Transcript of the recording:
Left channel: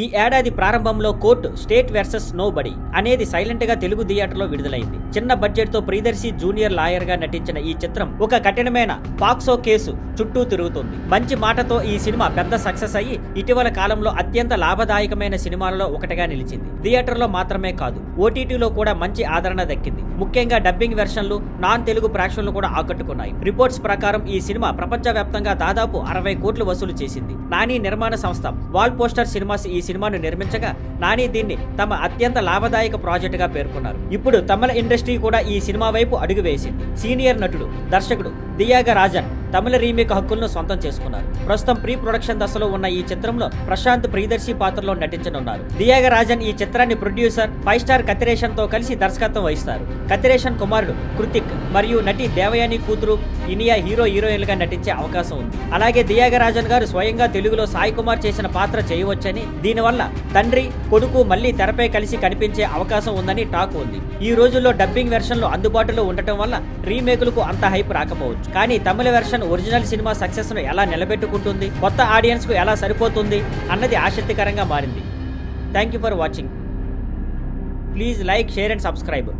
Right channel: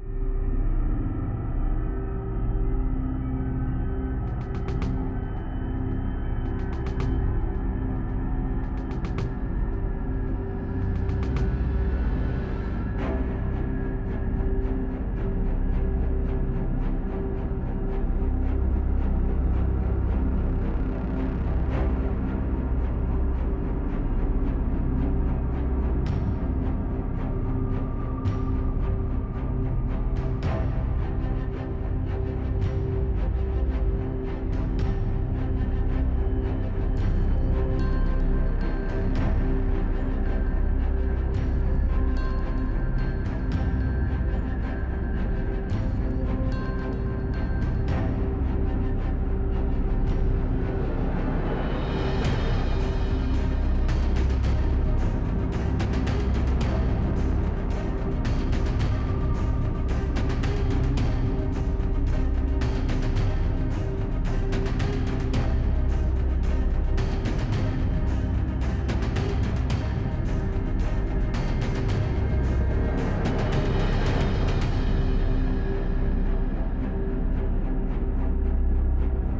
ఈ ఏడాది ప్రారంభంలో కోర్టు స్టేట్ వర్సెస్ నోబడి అనేది సైలెంట్ గా తెలుగు థియేటర్లో విడుదలైంది. చిన్న బడ్జెట్ తో ప్రియదర్శి జూనియర్ లాయర్ గా నటించిన ఈ చిత్రం ఒక కఠినమైన పాక్సో కేసు చుట్టూ తిరుగుతుంది. మంచి మాటతో ఈ సినిమా పెద్ద సక్సెస్ అయ్యి ఇటీవల కాలంలో అత్యంత లాభదాయకమైన సినిమాలలో ఒకటిగా నిలిచింది. థియేటర్లో మాత్రమే కాదు, ఓటీటీలో కూడా మంచి ఆదరణ దక్కింది. ముఖ్యంగా డబ్బింగ్ వెర్షన్లు, నాన్ తెలుగు ప్రేక్షకులు కూడా ఆకట్టుకున్నాయి. రిపోర్ట్స్ ప్రకారం ఈ సినిమా ప్రపంచవ్యాప్తంగా దాదాపు 60 కోట్లు వసూలు చేసింది. నాని నిర్మాణ సంస్థ వాల్ పోస్టర్ సినిమాస్ ఈ సినిమాను నిర్మించగా నాని దీన్ని తమ అత్యంత లాభదాయక ప్రాజెక్ట్ గా పేర్కొన్నారు. ఇప్పుడు తమిళ ఇండస్ట్రీ కూడా ఈ సినిమా వైపు అడుగు వేసింది. సీనియర్ నటుడు, దర్శకుడు దియాగరాజన్ తమిళ రీమేక్ హక్కులను సొంతం చేసుకున్నారు. ప్రస్తుతం ప్రీ ప్రొడక్షన్ దశలో ఉన్న ఈ చిత్రంలో ప్రశాంత్ ప్రియదర్శి పాత్రలో నటించనున్నారు. దియాగరాజన్ ఈ చిత్రాన్ని ప్రొడ్యూసర్ 5 స్టార్ కతిరేషన్ తో కలిసి దర్శకత్వం వహిస్తారు. కతిరేషన్ కుమారుడు కృతిక్ మరియు నటి దేవయాని కూతురు ఇనియా హీరోయిన్ గా నటించే అవకాశం ఉంది. అలాగే దియాగరాజన్ గారు స్వయంగా తెలుగులో సాయి కుమార్ చేసిన పాత్ర చేయవచ్చని, దీనివల్ల తండ్రి కొడుకు మళ్లీ తెరపై కలిసి కనిపించే అవకాశం ఉందని టాక్ ఉంది. ఈ రోజుల్లో డబ్బింగ్ వెర్షన్లు అందుబాటులో ఉండటం వల్ల రీమేకులకు అంత హైప్ రాకపోవచ్చు. కానీ తమిళ వెర్షన్ ఒరిజినల్ సినిమా సక్సెస్ ను ఎలా నిలబెట్టుకుంటుంది, కొత్త ఆడియన్స్ కు ఎలా సరిపోతుంది అన్నది ఆసక్తికరంగా మారింది. Thank you for watching. Please like, share and subscribe.